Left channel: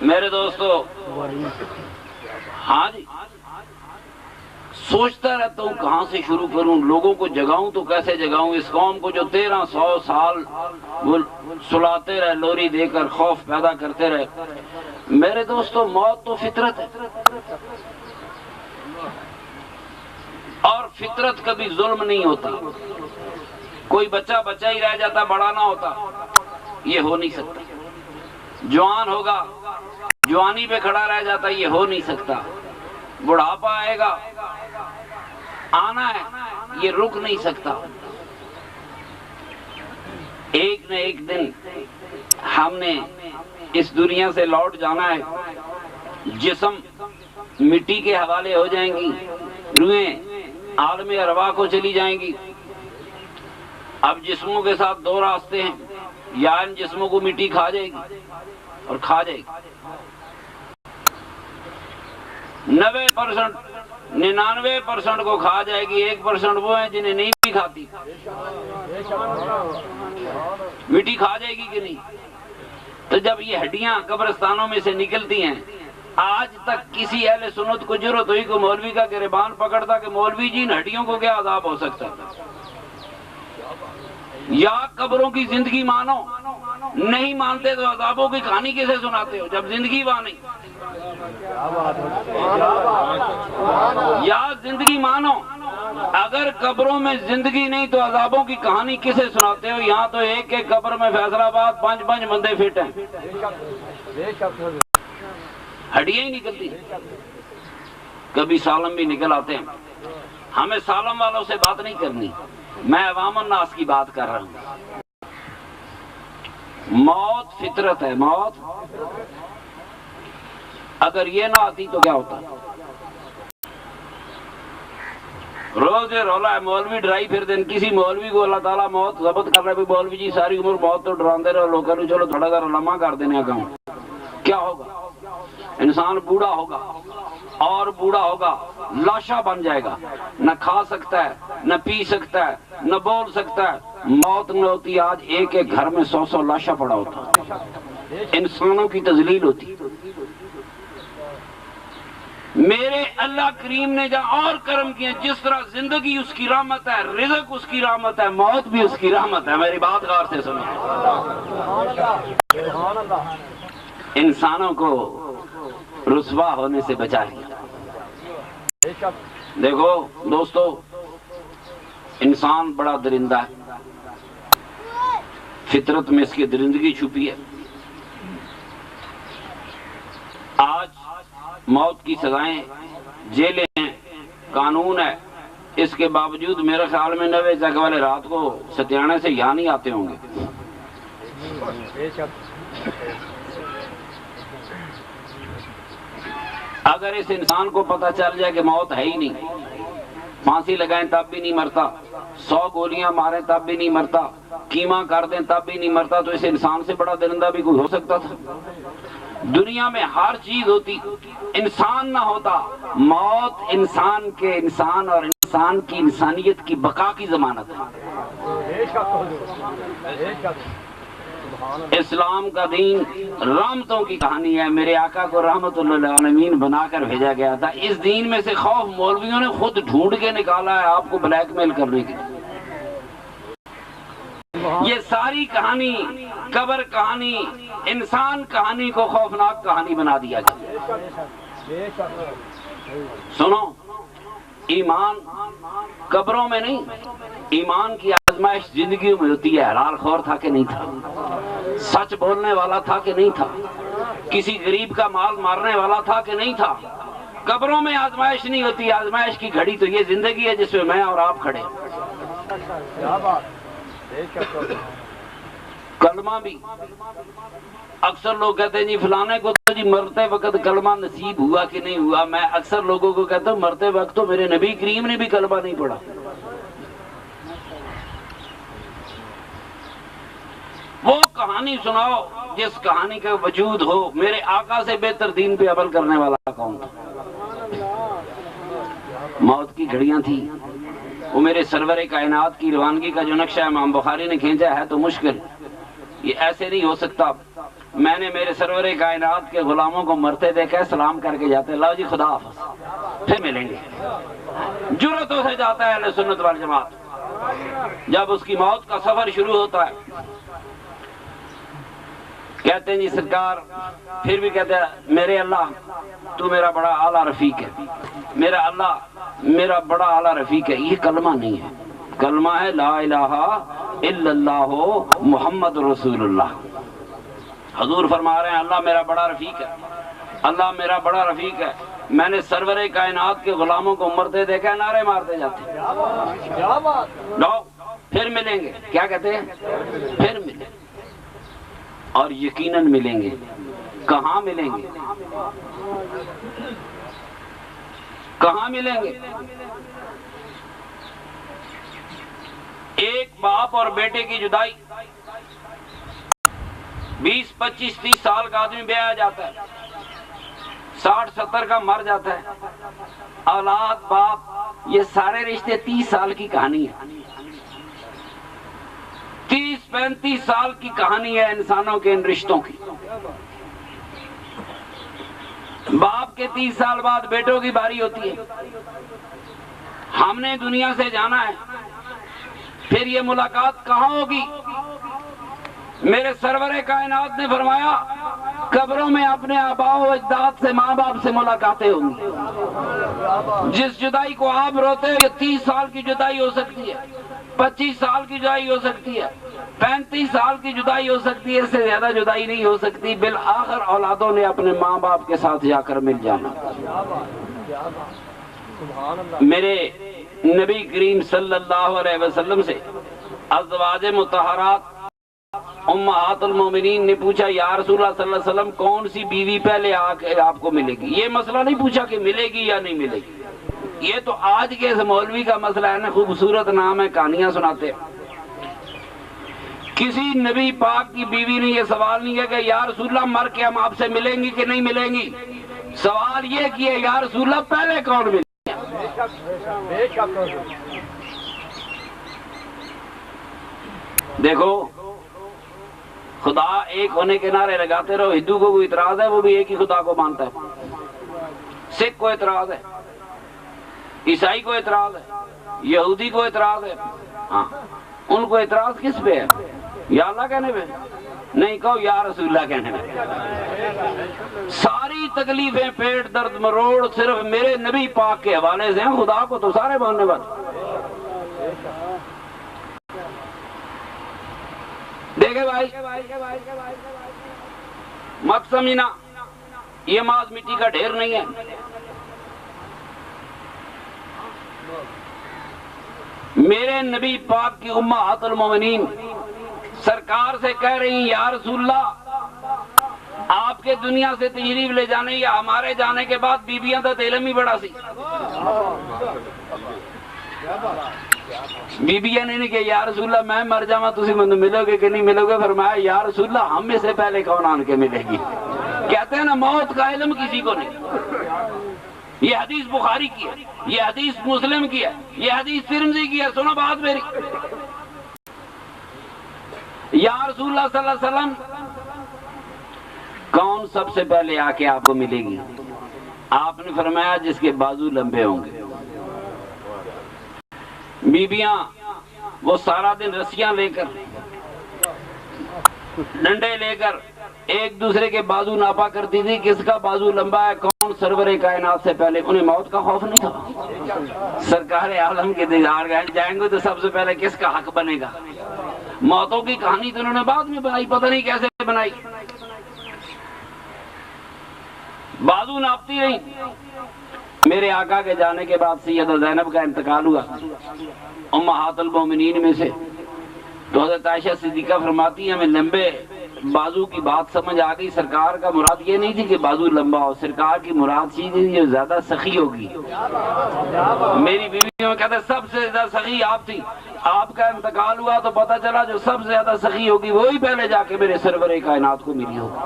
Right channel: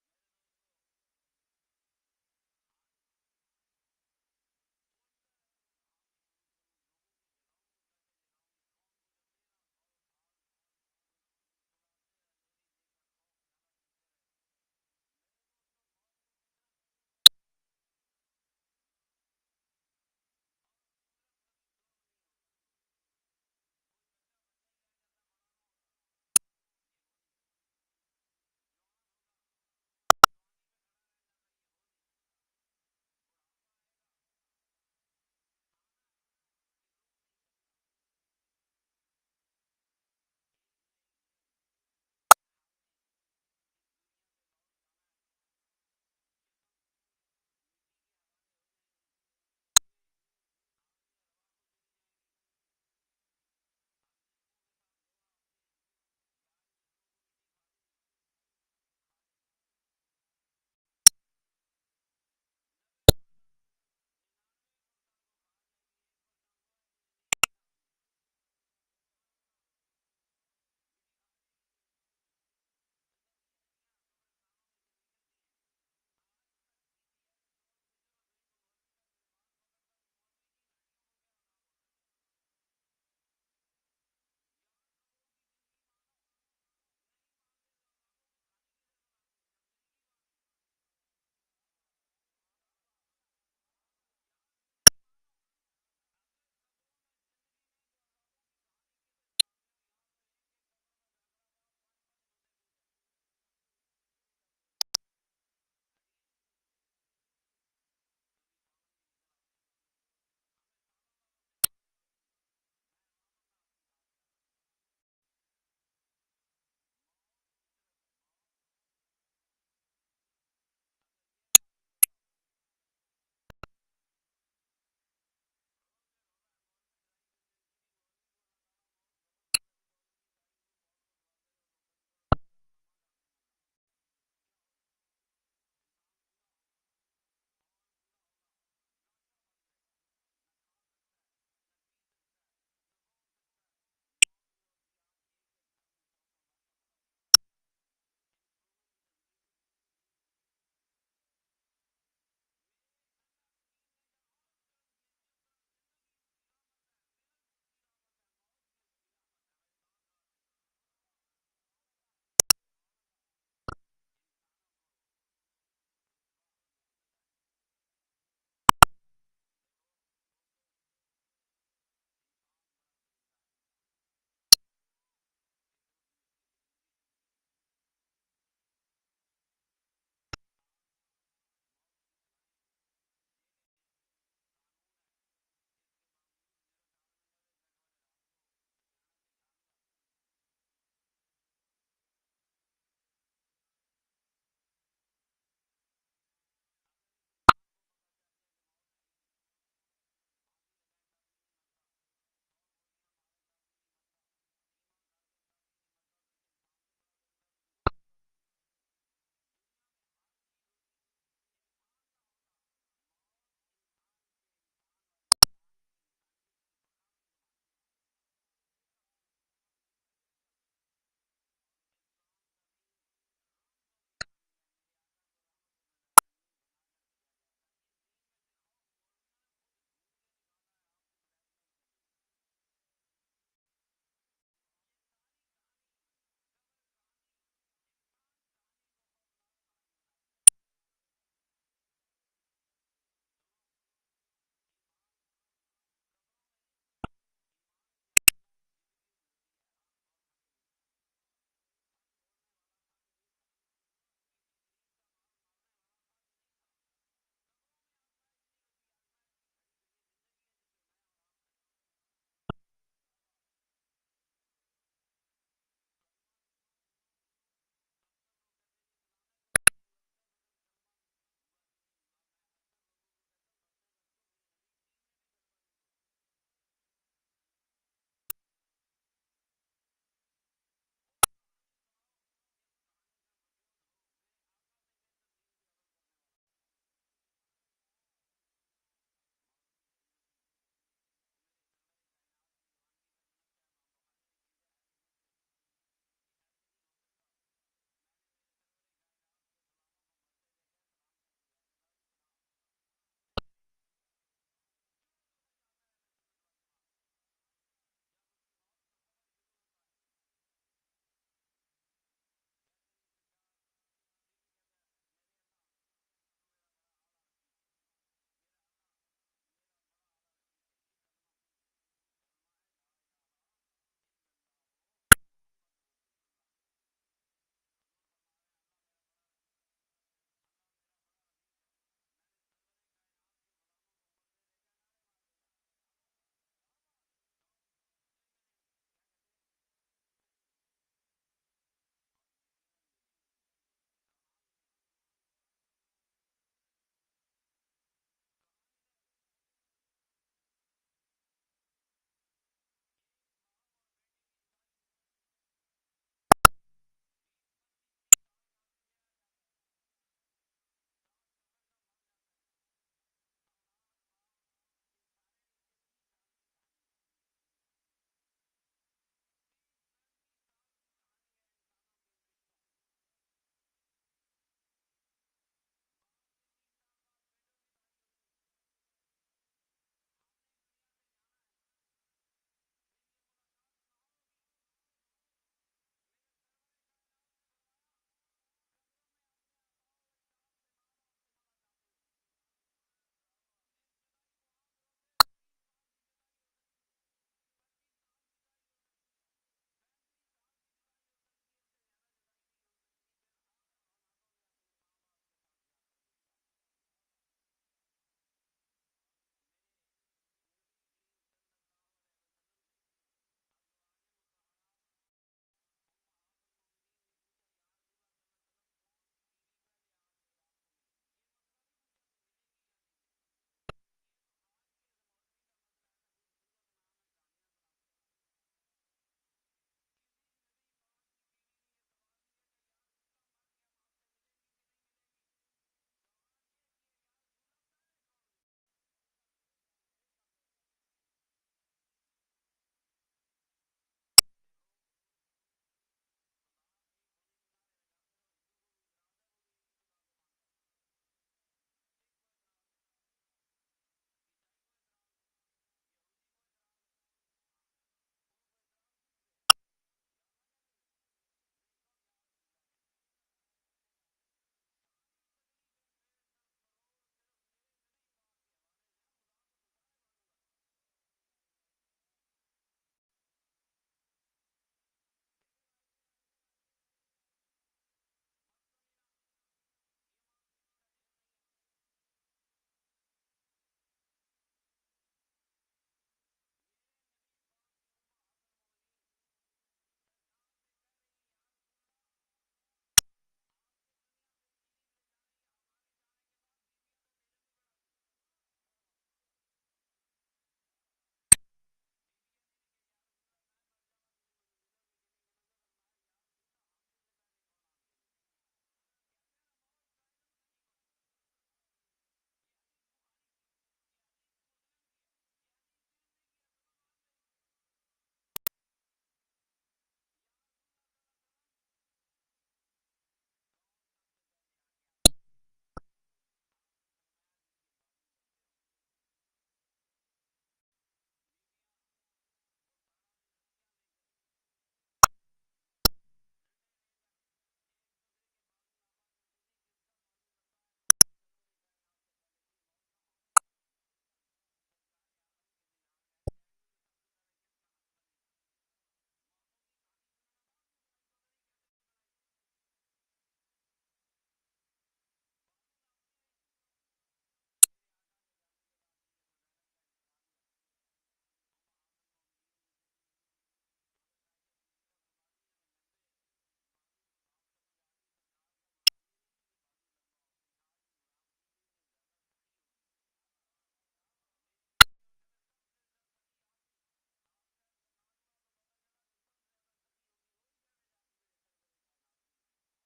میرے دوستو، ہاں جی، سوچتا رہتا ہوں کہاں سے شروع کروں، لوگوں کو جگاؤں تو کیسے جگاؤں، اس قوم کو جو 1300 سال وہ سلاتے رہے، لوری دے کر خوف پیدا کرتے رہے۔ میرے دوستو، موت تو فطرت ہے، اور فطرت کبھی ظلم نہیں ہوتا۔ کوئی بچہ بچہ ہی رہ جاتا، بڑا نہ ہوتا، یہ ہو نہیں سکتا۔ جوان ہوگا، جوانی پہ کھڑا رہ جاتا، یہ ہو نہیں سکتا۔ بڑھاپا آئے گا، آنا ہے، یہ رک نہیں سکتا۔ ایک نہ ایک دن ہم نے اس دنیا سے لوٹ جانا ہے۔ جسم مٹی کے حوالے ہو جائیں گی، روحیں عالم ارواح کو چلی جائیں گی۔ اب جسموں کے ساتھ دو راستے ہیں، یا ان جسموں کو مٹی کھا جائے گی اور کھا جائے گی۔ 99% کو کھا جائے گی، 1% وہ ہیں جنہیں نہیں بھی کھاتی۔ مٹی کھا جائے گی کہ نہیں؟ تو جب یہ ہڈیاں قبرستانوں میں سے نکلتی ہیں، آج تک کسی اہل سنت کو جرأت ہوئی کہ مولوی کا گریبان پکڑتا کہ مولوی جی ان ہڈیوں کو کیا عذاب ہو سکتا ہے؟ یا قبروں کی زندگی مانو، نہیں مانتے تو عذابوں کی کہانی کیسے سناتے ہو جب زندگی وہاں نہیں؟ یا زندگی مانو، اگر قبروں میں زندگی نہیں تو عذابوں کی کہانی کسے سناتے ہو؟ یہاں تو ایک ایک قبر میں فیصل آباد 5 بندے فٹ ہیں، ہڈیاں ہی نکلتی، کبھی سالم بھی نکل آتے ہیں۔ ہمیں سالم والوں سے بات نہیں کرنی، میں عوام الناس کی بات کر رہا ہوں۔ موت فطرت ہے، موت اگر یہ نہ آتی تو کیا ہوتا؟ روز یہ رولا ہے، مولوی ڈرائی پھر دن، کسی مولوی کو اللہ تعالیٰ موت ضبط کر رہے، مولوی جی ساری عمر موت تو ڈراندے رہے، لوگ کہتے چلو تھوڑا سا لمحہ کر دینے کا۔ کیا ہوگا؟ انسان بوڑھا ہوگا، اور بوڑھا ہوگا، لاشا بن جائے گا، نہ کھا سکتا ہے، نہ پی سکتا ہے، نہ بول سکتا ہے۔ موت نہ ہوتی، آج ایک ایک گھر میں 100 لاشا پڑا ہوتا، انسانوں کی تذلیل ہوتی۔ میرے اللہ کریم نے جہاں اور کرم کیا، جس طرح زندگی اس کی رحمت ہے، رزق اس کی رحمت ہے، موت بھی اس کی رحمت ہے۔ میری بات غور سے سنیں، انسانوں کو رسوا ہونے سے بچا لیا۔ دیکھو دوستو، انسان بڑا درندہ ہے، فطرت میں اس کی درندگی چھپی ہے۔ آج موت کی سزائیں، جیلیں ہیں، قانون ہے، اس کے باوجود میرے خیال میں 90 تک والے رات کو ستیانے سے یہاں نہیں آتے ہوں گے۔ اگر اس انسان کو پتہ چل جائے کہ موت ہے ہی نہیں، پھانسی لگائیں تب بھی نہیں مرتا، 100 گولیاں ماریں تب بھی نہیں مرتا، کیما کر دیں تب بھی نہیں مرتا، تو اس انسان سے بڑا درندہ بھی کوئی ہو سکتا تھا؟ دنیا میں ہر چیز ہوتی، انسان نہ ہوتا۔ موت انسان کے انسان اور انسان کی انسانیت کی بقا کی ضمانت ہے۔ اسلام کا دین رحمتوں کی کہانی ہے، میرے آقا کو رحمت للعالمین بنا کر بھیجا گیا تھا۔ اس دین میں سے خوف مولویوں نے خود ڈھونڈ کے نکالا ہے آپ کو بلیک میل کرنے کی۔ یہ ساری کہانی، قبر کہانی، انسان کہانی کو خوفناک کہانی بنا دیا گیا۔ سنو، ایمان قبروں میں نہیں، ایمان کی آزمائش زندگی میں ہوتی ہے۔ حلال خور تھا کہ نہیں تھا؟ سچ بولنے والا تھا کہ نہیں تھا؟ کسی غریب کا مال مارنے والا تھا کہ نہیں تھا؟ قبروں میں آزمائش نہیں ہوتی، آزمائش کی گھڑی تو یہ زندگی ہے جس میں اور آپ کھڑے ہیں۔ کلمہ بھی اکثر لوگ کہتے ہیں جی فلانے کو تو جی مرتے وقت کلمہ نصیب ہوا کہ نہیں ہوا۔ میں اکثر لوگوں کو کہتا ہوں مرتے وقت تو میرے نبی کریم نے بھی کلمہ نہیں پڑھا۔ وہ کہانی سناؤ جس کہانی کا وجود ہو۔ میرے آقا سے بہتر دین پہ عمل کرنے والا کون تھا؟ موت کی گھڑیاں تھی، وہ میرے سرور کائنات کی روانگی کا جو نقشہ امام بخاری نے کھینچا ہے تو مشکل، یہ ایسے نہیں ہو سکتا۔ میں نے میرے سرور کائنات کے غلاموں کو مرتے دیکھا، سلام کر کے جاتے لاؤ جی خدا حافظ، پھر ملیں گے۔ جرأتوں سے جاتا ہے اہل سنت والجماعت۔ جب اس کی موت کا سفر شروع ہوتا ہے کہتے ہیں جی سرکار، پھر بھی کہتے ہیں میرے اللہ تو میرا بڑا اعلیٰ رفیق ہے، میرا اللہ میرا بڑا اعلیٰ رفیق ہے۔ یہ کلمہ نہیں ہے، کلمہ ہے لا الہ الا اللہ محمد رسول اللہ۔ حضور فرما رہے ہیں اللہ میرا بڑا رفیق ہے، اللہ میرا بڑا رفیق ہے۔ میں نے سرور کائنات کے غلاموں کو مرتے دیکھا، نعرے مارتے جاتے لو پھر ملیں گے۔ کیا کہتے ہیں؟ پھر ملیں، اور یقیناً ملیں گے۔ کہاں ملیں گے؟ کہاں ملیں گے؟ ایک باپ اور بیٹے کی جدائی، 20 25 30 سال کا آدمی بیاہ جاتا ہے، 60 70 کا مر جاتا ہے، اولاد باپ، یہ سارے رشتے 30 سال کی کہانی ہے۔ 30 35 سال کی کہانی ہے انسانوں کے ان رشتوں کی۔ باپ کے 30 سال بعد بیٹوں کی باری ہوتی ہے، ہم نے دنیا سے جانا ہے، پھر یہ ملاقات کہاں ہوگی؟ میرے سرور کائنات نے فرمایا قبروں میں اپنے آباء و اجداد سے، ماں باپ سے ملاقاتیں ہوں گی۔ جس جدائی کو آپ روتے ہو، یہ 30 سال کی جدائی ہو سکتی ہے، 25 سال کی جدائی ہو سکتی ہے، 35 سال کی جدائی ہو سکتی ہے، اس سے زیادہ جدائی نہیں ہو سکتی۔ بالآخر اولادوں نے اپنے ماں باپ کے ساتھ جا کر مل جانا۔ میرے نبی کریم صلی اللہ علیہ وسلم سے ازواج مطہرات امہات المومنین نے پوچھا یا رسول اللہ صلی اللہ علیہ وسلم کون سی بیوی پہلے آپ کو ملے گی؟ یہ مسئلہ نہیں پوچھا کہ ملے گی یا نہیں ملے گی، یہ تو آج کے اس مولوی کا مسئلہ ہے نا، خوبصورت نام ہے، کہانیاں سناتے ہیں۔ کسی نبی پاک کی بیوی نے یہ سوال نہیں کیا کہ یا رسول اللہ مر کے ہم آپ سے ملیں گی کہ نہیں ملیں گی، سوال یہ کیا یا رسول اللہ پہلے کون ملے؟ دیکھو خدا ایک ہونے کے نعرے لگاتے رہو، ہندو کو کوئی اعتراض ہے وہ بھی ایک ہی خدا کو مانتا ہے، سکھ کو اعتراض ہے، عیسائی کو اعتراض ہے، یہودی کو اعتراض ہے، ہاں ان کو اعتراض کس پہ ہے؟ یا اللہ کہنے پہ نہیں، کہو یا رسول اللہ کہنے پہ۔ ساری تکلیفیں پیٹ درد مروڑ صرف میرے نبی پاک کے حوالے سے ہیں، خدا کو تو سارے ماننے والے۔ دیکھے بھائی مت سمجھنا یہ ماس مٹی کا ڈھیر نہیں ہے۔ میرے نبی پاک کی امہات المومنین سرکار سے کہہ رہی ہیں یا رسول اللہ آپ کے دنیا سے تشریف لے جانے یا ہمارے جانے کے بعد بیبیاں تو علم ہی بڑا سی۔ بیبیاں نے کہ یا رسول اللہ میں مر جاواں تسی مجھے ملو گے کہ نہیں ملو گے؟ فرمایا یا رسول اللہ ہم میں سے پہلے کون آن کے ملے گی؟ کہتے ہیں نا موت کا علم کسی کو نہیں۔ یہ حدیث بخاری کی ہے، یہ حدیث مسلم کی ہے، یہ حدیث ترمذی کی ہے، سنو بات میری۔ یا رسول اللہ صلی اللہ علیہ وسلم کون سب سے پہلے آ کے آپ کو ملے گی؟ آپ نے فرمایا جس کے بازو لمبے ہوں گے۔ بیبیاں وہ سارا دن رسیاں لے کر ڈنڈے لے کر ایک دوسرے کے بازو ناپا کرتی تھی، کس کا بازو لمبا ہے، کون سرور کائنات سے پہلے۔ انہیں موت کا خوف نہیں تھا، سرکار عالم کے دیدار جائیں گے تو سب سے پہلے کس کا حق بنے گا۔ موتوں کی کہانی تو انہوں نے بعد میں بنائی، پتہ نہیں کیسے بنائی۔ بازو ناپتی رہی۔ میرے آقا کے جانے کے بعد سیدہ زینب کا انتقال ہوا امہات المومنین میں سے، تو حضرت عائشہ صدیقہ فرماتی ہیں ہمیں لمبے بازو کی بات سمجھ آ گئی، سرکار کا مراد یہ نہیں تھی کہ بازو لمبا ہو، سرکار کی مراد چیز جو زیادہ سخی ہوگی۔ میری بیویوں کہتے سب سے زیادہ سخی آپ تھی، آپ کا انتقال ہوا تو پتہ چلا جو سب سے زیادہ سخی ہوگی وہی پہلے جا کے میرے سرور کائنات کو ملی ہوگی۔